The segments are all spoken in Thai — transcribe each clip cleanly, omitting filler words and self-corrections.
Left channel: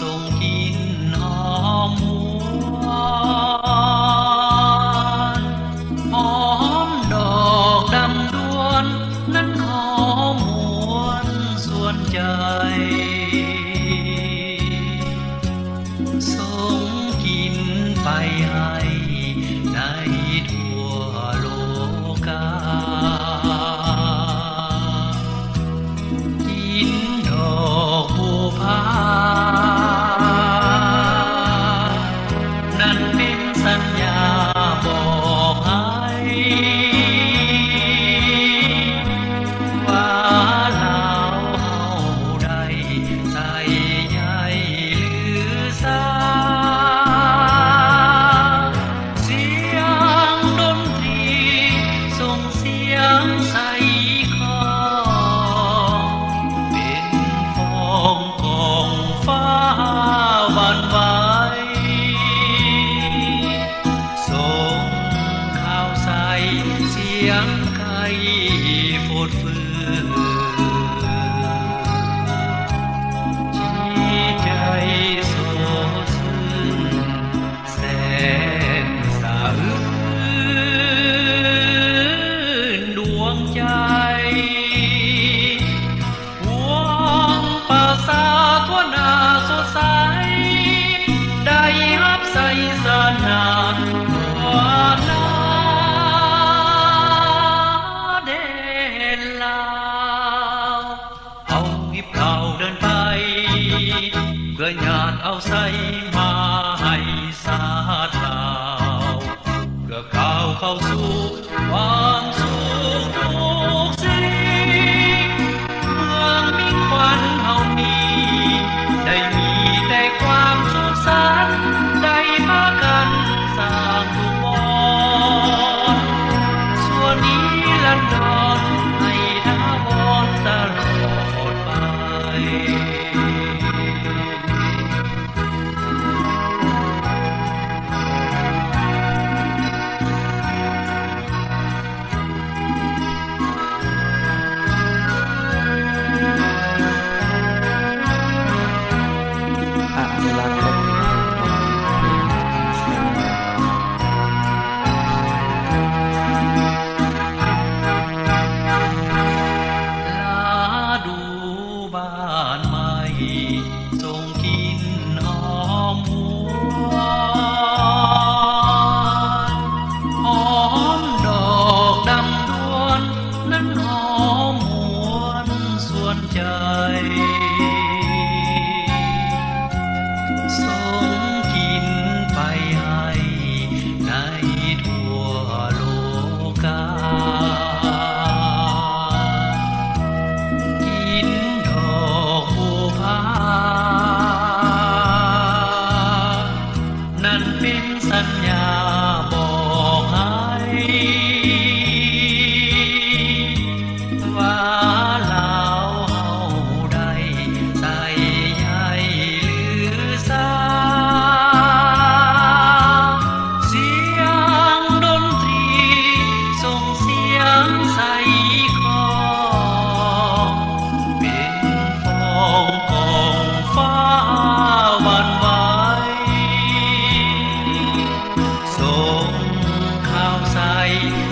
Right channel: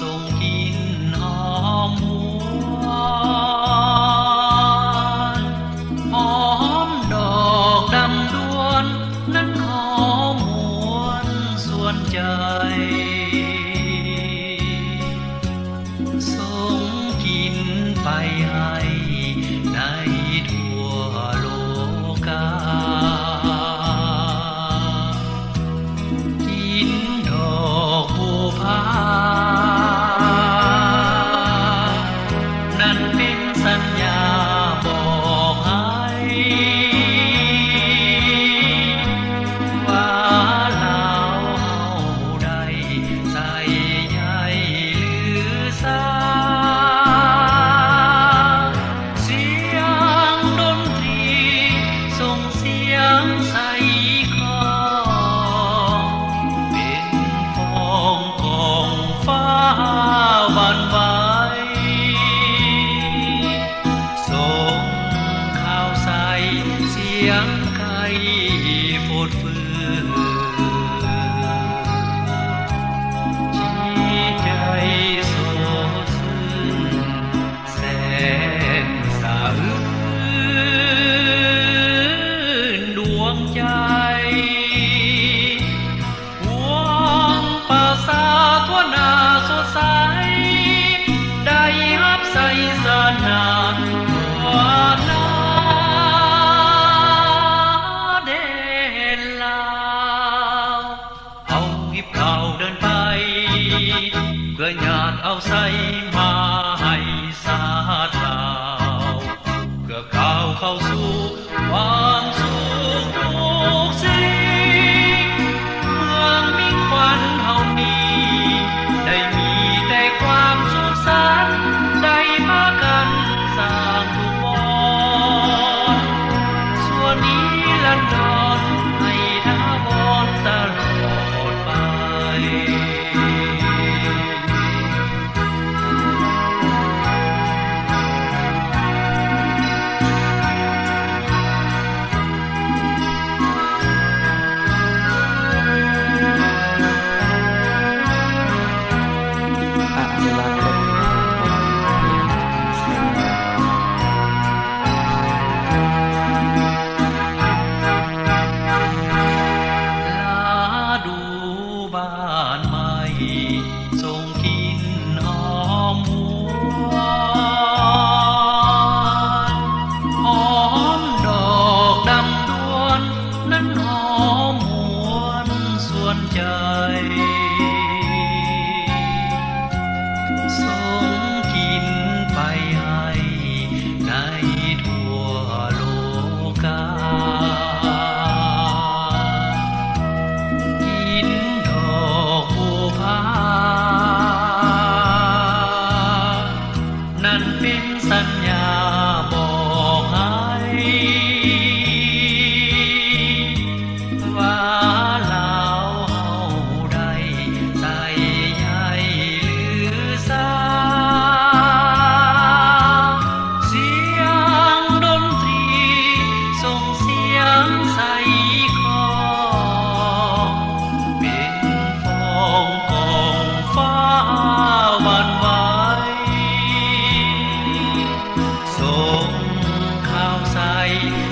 ส่งกลิ่นหอมหวนหอมดอกดำดวนนั้นหอมหวนส่วนใจส่งกลิ่นไปให้ในทั่วโลกาสัญญาบอกให้ว่าเราเฮาได้ใส่ใยหรือสาเสียงดนตรีส่งเสียงใส่คอเป็นฟองของฟ้าหวั่นไหวเสียงไก่ฝดฝืนที่ใจโศกซึ้งแสนสะอื้นดวงใจหวงป่าสาทั่วหน้าสดใสได้รับใส่สนาความน่าเอาหิบข่าวเดินไปเพื่อญาติเอาใส่มาให้สาดข่าวเพื่อข่าวเข้าสู่ความสุขทุกสิ่งเมืองมิ่งขวัญเฮามีได้มีแต่ความสุขสันต์ได้มากันสร้างทุกวันส่วนนี้ลันดอนให้ถาวรตลอดอนุรักษ์และเผยแผ่ดนตรีเพลงเสียงดูบ้านใหม่ส่งกลิ่นหอมหวนหอมดอกดำดวนนั้นหอมหวนส่วนใจส่งกลิ่นไปให้ในทั่วโลกานั่นเป็นสัญญาบอกให้ว่าเราเฮาได้ใส่ใยหรือสาเสียงดนตรีส่งเสียงใส่คอเป็นฟองของฟ้าหวั่นไหวส่งข่าวใส่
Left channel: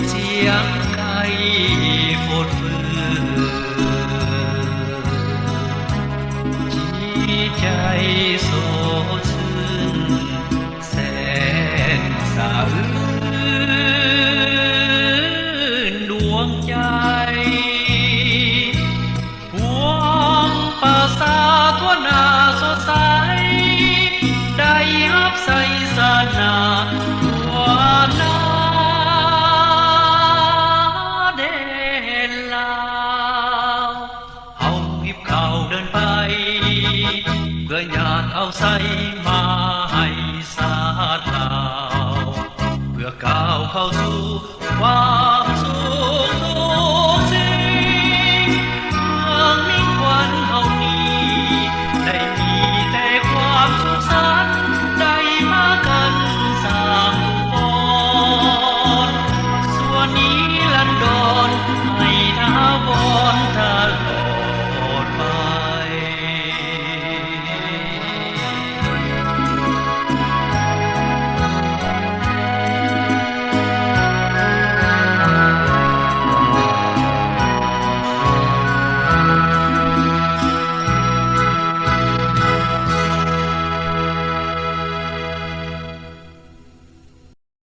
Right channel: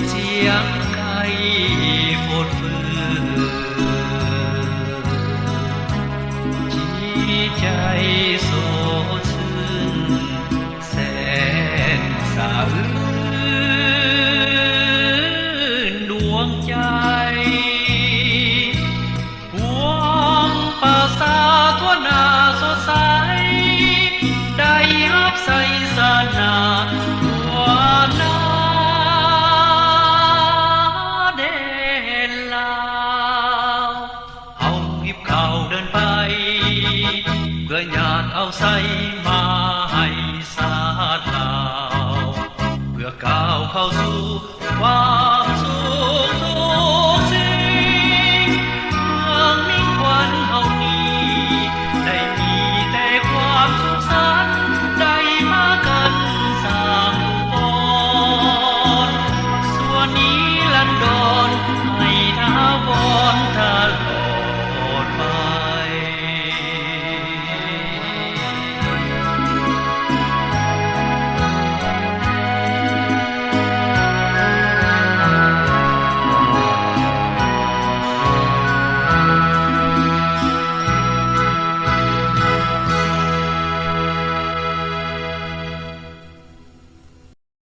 เสียงไก่ฝดฝืนที่ใจโศกซึ้งแสนสะอื้นดวงใจหวงป่าสาทั่วหน้าสดใสได้รับใส่สนาความน่าเด่นลาวเอาหิบข่าวเดินไปเพื่อญาติเอาใส่มาให้สาดข่าวเพื่อก้าวเข้าสู่ความสุข